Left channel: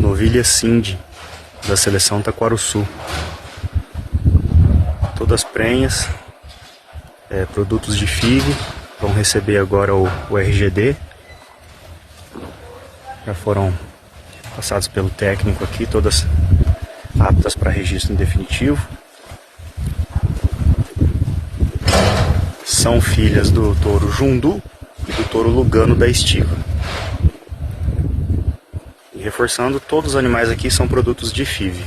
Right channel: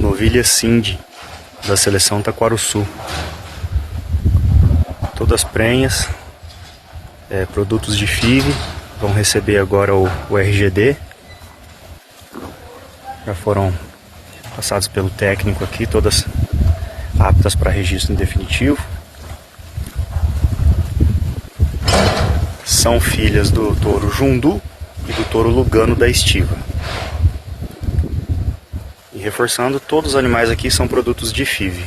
Novilha Cindy, da seleção Taquarussu. Todas prenhas, produtos de FIV, vão receber agora o RGD. Já foram passados pelo técnico aqui, todas aptas para registro em definitivo. São filhas do touro Jundu e do touro Lugano da Estiva. E reforçando, todos os animais aqui são produtos de FIV.